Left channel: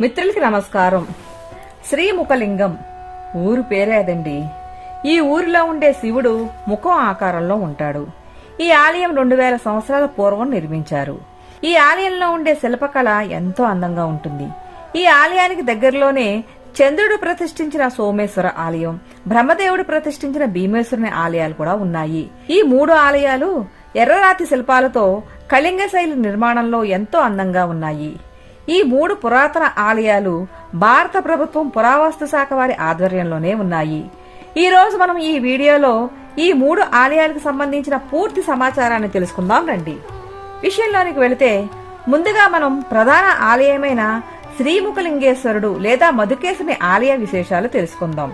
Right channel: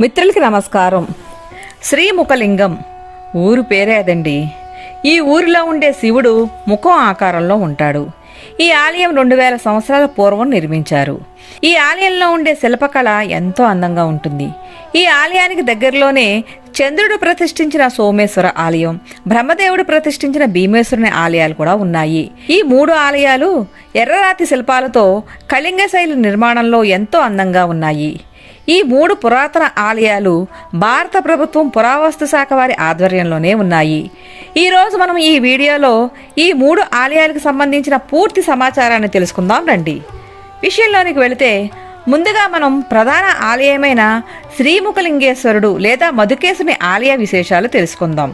మిత్రులకి నమస్కారం. శ్రీముఖలింగం. ఊరు పేరే అదండి. ఈ ఊరిలో ఉండే శివుడు ముఖం ఆకారంలో ఉంటాడు. ఈ ఆలయం రెండు వేల సంవత్సరాల పూర్వం నిర్మించారు. ఈ ఆలయంలో ఉండే శిల్పకళ ఎంతో అందంగా ఉంటుంది. ఈ ఆలయానికి దగ్గరలోనే చంద్రుడు ప్రతిష్ఠించిన సోమేశ్వర ఆలయం బ్రహ్మదేవుడు ప్రతిష్ఠించిన భీమేశ్వరుని ఆలయాలు కూడా ఉన్నాయి. ఈ మూడు ఆలయాలు ఎర్రరాతి శిల్పాలతో కళింగ శైలి నిర్మాణంలో ఎంతో అందంగా ఉన్నాయి. ఈ మూడు పురాతన ఆలయాలు భారత ప్రభుత్వం పురావస్తు శాఖ వారి ఆధ్వర్యంలోనే ఉన్నాయి. ఈరోజు మనం ఈ వీడియోలో ఈ మూడు ఆలయాలకు సంబంధించిన పూర్తి సమాచారాన్ని తెలుసుకుందాం రండి. విషయంలోనికి వెళితే ముందుగా మనం ప్రధాన ఆలయమైన శ్రీముఖలింగేశ్వరుడు లేదా మధుకేశుని ఆలయ విశేషాలు తెలుసుకుందాం.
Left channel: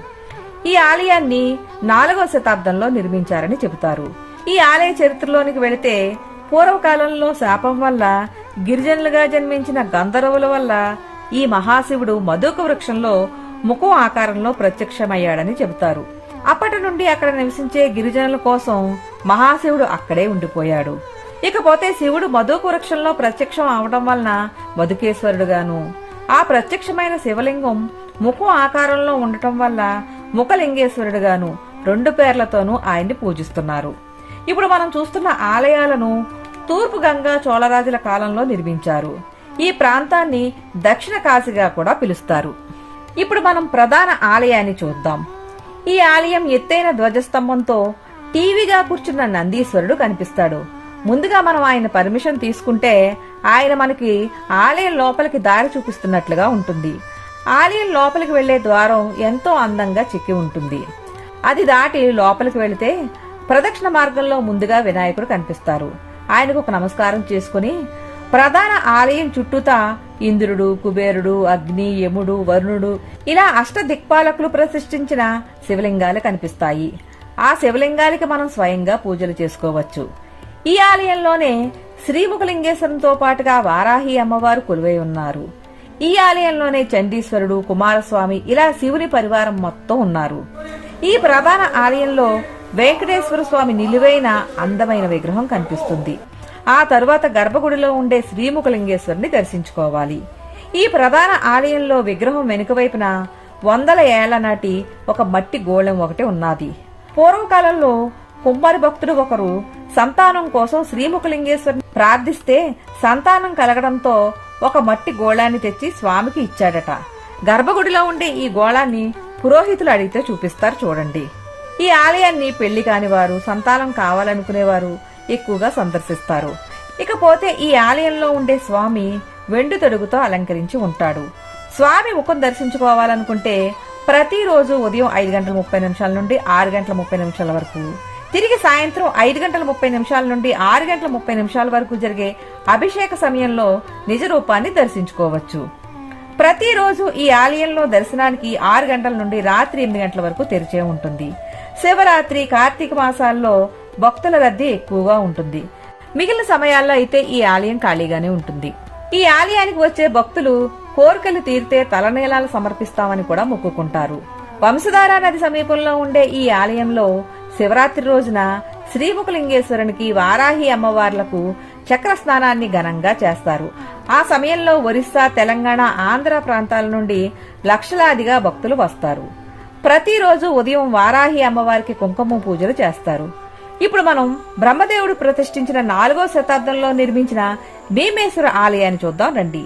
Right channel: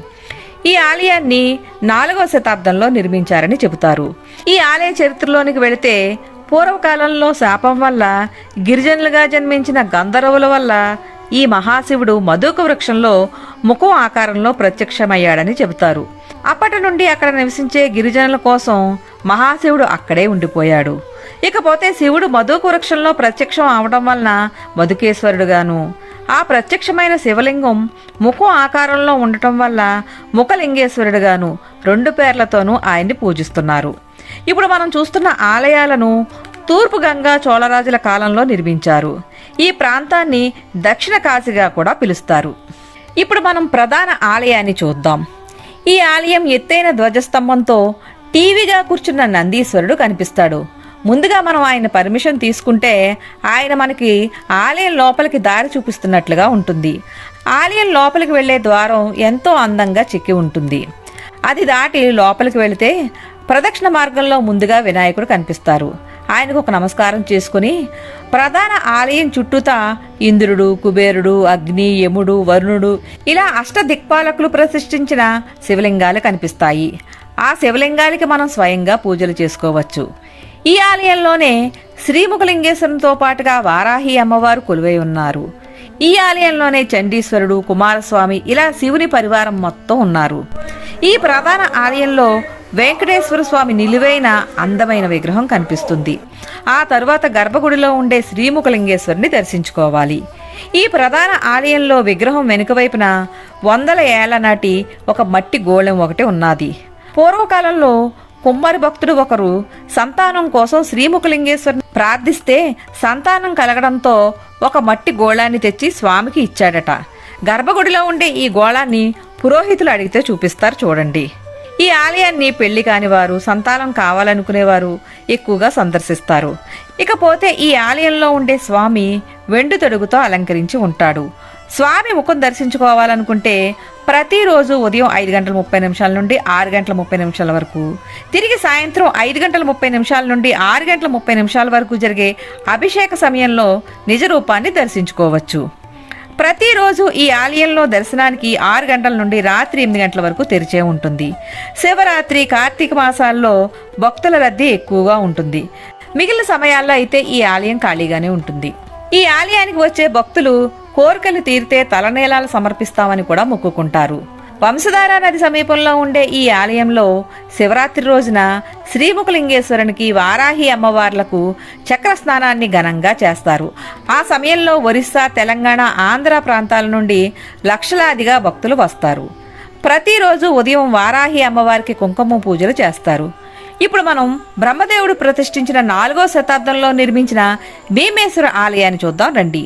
ఈ ఆలయాన్ని నాలుగవ శతాబ్దంలో నిర్మించారని చెబుతారు. ఈ ఆలయ చరిత్రలోనికి వెళితే పూర్వకాలంలో శాపం వల్ల గిరిజనులుగా జన్మించిన గంధర్వుల వల్ల ఈ మహాశివుడు మధుక వృక్షంలో ముఖం ఆకారంలో ప్రత్యక్షమయ్యాడని చెబుతారు. అప్పటి నుండి అక్కడ నివసించే గిరిజనుల కోసం మహాశివుడు అక్కడే ఉండిపోయాడు. ఇకపోతే శివుడు మధుక వృక్షంలో ప్రత్యక్షం అవడం వలన మధుకేశ్వరుడుగాను ఆ ప్రత్యక్షమైన శివలింగం ముఖం ఆకారంలో ఉండటం వల్ల ముఖలింగేశ్వరుడుగాను రెండు పేర్లతోనూ ఆయన్ని పూజిస్తున్నారు. ఇప్పుడు మనం చూస్తున్న ఆలయాలను తూర్పు గంగా చోళరాజుల కాలంలో నిర్మించారు. ఈ ప్రాంతాన్ని దక్షిణ కాశీగా కూడా పిలుస్తారు. ఇప్పుడు మనం ప్రధాన ఆలయాన్ని చూద్దాం. ఈ ఆలయం ఎత్తైన ధ్వజస్తంభంతో టీవీగా కూర్చున్న నందీశ్వరుడు కనిపిస్తాడు. ముందుగా మనం ఆయన పర్మిషన్ తీసుకుంటే ఆయన మనకి ఆలయం లోపలికి దారి చూపిస్తున్నట్లుగా ఉంటుంది. ఆలయం లోపలికి వెళ్ళే ద్వారం ఎంతో అందంగా చెక్కి ఉంటుంది. అది దాటి లోపలికి వెళితే ప్రదక్షిణ మార్గంలో ముందుగా వినాయకుడు కనిపిస్తారు. ఆయనకు ఒక నమస్కారం చేసుకుని ప్రధాన ఆలయం చుట్టూతా ఇంద్రుడు కుబేరుడు అగ్ని యముడు వరుణుడు ఇలా అష్ట దిక్పాలకులు ప్రతిష్ఠించిన శివలింగాలు కనిపిస్తాయి. ఆ శివలింగాలకి మనం స్వయంగా పూజలు చేసుకోవచ్చు. ఈ ఆలయంలోనే శ్రీముఖలింగేశ్వరంతో పాటుగా వారాహి అమ్మవారు కొలువై ఉన్నారు. ఈ ఆలయంలోనే చండీశ్వరుడు కుమారస్వామి ఇలా శివుని పరివారం మొత్తం ఉన్నారు. ఈ ప్రధాన ఆలయంలో వెంకటేశ్వర స్వామి నిలువైన అందమైన విగ్రహం కనిపిస్తుంది. ఆ తరువాత గర్భగుడిలో ఉండే శ్రీముఖలింగేశ్వరుని దర్శించుకోవాలి. ఈ ప్రధాన ఆలయంలో విగ్రహం వెనుక వైపున వందల ఏళ్ళ నాటి ఒక మట్టి గోళం ఒకటి ఉన్నది. పూర్వకాలంలో కుమ్మరి భక్తుడు ఒకరు సంతానం కోసం శ్రీముఖలింగేశ్వరుని ప్రార్థిస్తే సంతానం కలగడంతో ఒక మట్టి గోళాన్ని తెచ్చి స్వామికి ఇచ్చాడట. గర్భగుడిలో ఉండే ఈ గోళాన్ని పురోహితులు అడిగితే చూపిస్తారు చూడండి. ఈ ఆలయాన్ని పెళ్ళి కానివారు సంతానం కావాలనుకునేవారు ఎక్కువగా సందర్శిస్తారు. ఇకపోతే ఈ ఆలయంలో ఉండే స్వామి వెండు తొడుగుతో అలంకరించి ఉంటాడు. స్వామి ముఖం దర్శించుకోవాలనుకుంటే ప్రతిరోజు ఉదయం ఐదు గంటల ముప్పై నిమిషాల నుండి ఆరు గంటల ముప్పై నిమిషాల వరకు తిరిగి సాయంత్రం ఐదు గంటల ముప్పై నిమిషాల నుండి ఆరు గంటల ముప్పై నిమిషాల వరకు జరిగే అభిషేక సమయంలో నిజ రూపాన్ని దర్శించుకోవచ్చు. ప్రతిరోజు ఈ ఆలయంలో దర్శనానికి ఆరు గంటల నుండి రాత్రి ఎనిమిది గంటల వరకు తెరిచే ఉంటుంది. శివరాత్రి కార్తీక మాసాల్లో భక్తుల రద్దీ ఎక్కువగా ఉంటుంది. మిగిలిన సమయాల్లో అయితే ఈ ఆలయం ఖాళీగానే ఉంటుంది. ఈ ఆలయానికి వచ్చే భక్తులు కోరికలు తీరితే తలనీలాలు సమర్పిస్తామని కూడా మొక్కుకుంటారు. వంశధార నది సమీపంలో ఉండే ఈ ఆలయంలో శివరాత్రి రోజున శ్రీముఖలింగేశ్వరునికి వారాహి అమ్మవార్లకు చక్ర స్నానాన్ని ఘనంగా చేస్తారు. ఆ సమయంలో ఒరిస్సా తెలంగాణ ఆంధ్ర ప్రాంతాల నుండి లక్షలాదిగా భక్తులు వస్తారు. ప్రతిరోజు ఉదయం వారాహి అమ్మవారికి కుంకుమ పూజలు చేస్తారు. ఇప్పుడు మనం బ్రహ్మదేవుడు ప్రతిష్ఠించిన నాలుగో శతాబ్దంలో నిర్మించిన భీమేశ్వర ఆలయాన్ని చూద్దాం రండి.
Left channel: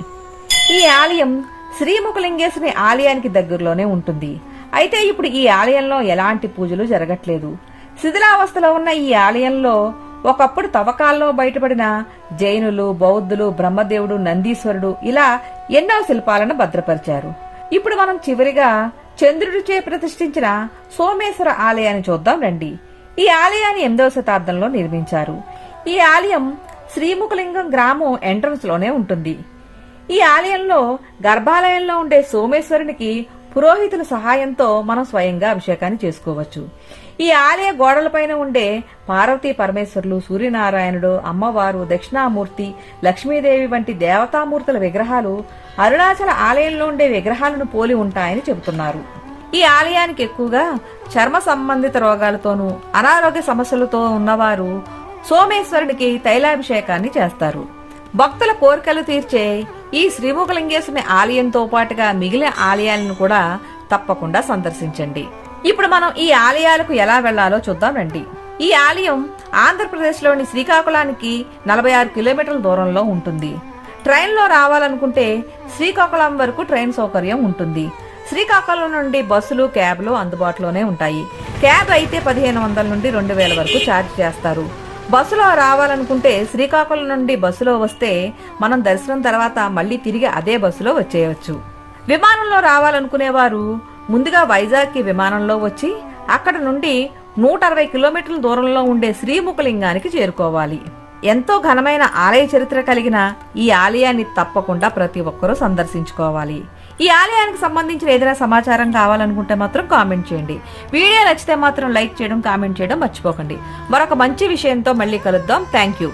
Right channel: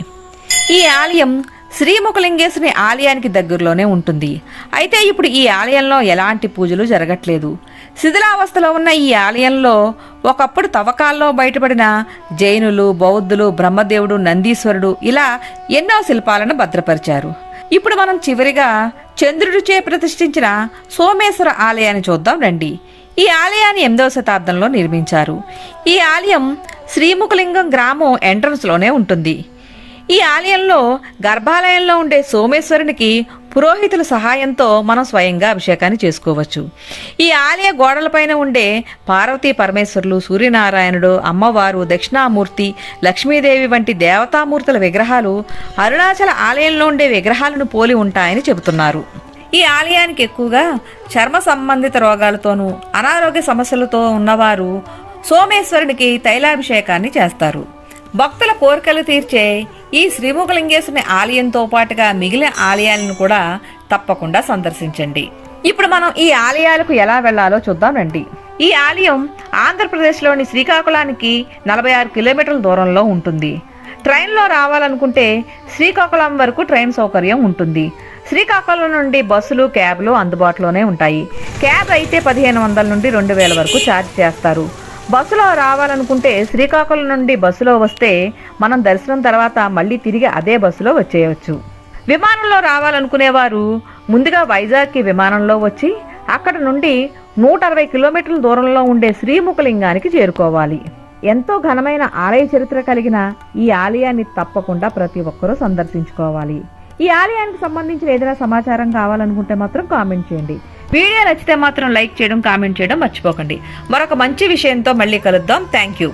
ఈ ఆలయం శ్రీముఖలింగేశ్వరి ఆలయానికి దగ్గరలోనే ఉంటుంది. అయితే ఇప్పుడు ఈ ఆలయంలో ఎలాంటి పూజలు జరగట్లేదు. శిథిలావస్థలో ఉన్న ఈ ఆలయంలో ఒకప్పుడు తవ్వకాల్లో బయటపడిన జైనులు బౌద్ధులు బ్రహ్మదేవుడు నందీశ్వరుడు ఇలా ఎన్నో శిల్పాలను భద్రపరిచారు. ఇప్పుడు మనం చివరిగా చంద్రుడిచే ప్రతిష్ఠించిన సోమేశ్వర ఆలయాన్ని చూద్దాం రండి. ఈ ఆలయాన్ని ఎనిమిదవ శతాబ్దంలో నిర్మించారు. ఈ ఆలయం శ్రీముఖలింగం గ్రామం ఎంట్రన్స్లోనే ఉంటుంది. ఈ ఆలయంలో గర్భాలయంలో ఉండే సోమేశ్వరునికి పురోహితుల సహాయంతో మనం స్వయంగా అభిషేకాన్ని చేసుకోవచ్చు. ఈ ఆలయ గోడలపైన ఉండే పార్వతీ పరమేశ్వరులు సూర్యనారాయణుడు అమ్మవారు దక్షిణామూర్తి లక్ష్మీదేవి వంటి దేవతామూర్తుల విగ్రహాలు అరుణాచల ఆలయంలో ఉండే విగ్రహాలను పోలి ఉంటాయని చెబుతున్నారు. ఈ ఆలయానికి ఎక్కువగా చర్మ సంబంధిత రోగాలతోనూ అనారోగ్య సమస్యలతో ఉన్నవారు సోమేశ్వరునికి తైలాభిషేకాన్ని చేస్తారు. భక్తుల కోరికలు తీర్చే ఈ శ్రీముఖలింగేశ్వరుని ఆలయంతో పాటుగా మిగిలిన ఆలయాలను కూడా తప్పకుండా సందర్శించండి. ఇప్పుడు మనం ఈ ఆలయాలకు ఎలా వెళ్ళాలో చూద్దాం రండి. ఈ ఆలయం ఆంధ్రప్రదేశ్లోని శ్రీకాకుళానికి నలభై ఆరు కిలోమీటర్ల దూరంలో ఉంటుంది. ట్రైన్లో రావాలనుకుంటే శ్రీకాకుళం వరకు ట్రైన్ సౌకర్యం ఉంటుంది. శ్రీకాకుళం నుండి బస్సులు క్యాబ్లు అందుబాటులోనే ఉంటాయి. క్యాబ్ అయితే పదిహేను వందల నుండి రెండు వేల వరకు ఛార్జ్ చేస్తారు. బస్సులో రావాలనుకుంటే శ్రీకాకుళం నుండి బస్సులో వస్తే మనం దర్శనం తర్వాత మళ్ళీ తిరిగి అదే బస్సులో వచ్చేయవచ్చు విమానంలో రావాలనుకునేవారు ముందుగా వైజాగ్కి విమానంలో వచ్చి అక్కడ నుండి నూట అరవై కిలోమీటర్ల దూరంలో ఉండే శ్రీముఖలింగానికి చేరుకోవాలి. ఎంతో ఘనమైన ఆలయ చరిత్ర కలిగిన ఈ ఆలయాన్ని తప్పకుండా ప్రతి ఒక్కరూ సందర్శించుకోవాలి. ఈ ఆలయానికి సంబంధించిన ఏదైనా సమాచారం కావాలనుకుంటే మాత్రం కామెంట్ చేయండి. వీడియో నచ్చితే మాత్రం లైక్ చేయడం కామెంట్ చేయడం మర్చిపోకండి. మరొక మంచి విషయంతో మళ్ళీ కలుద్దాం. Thank you.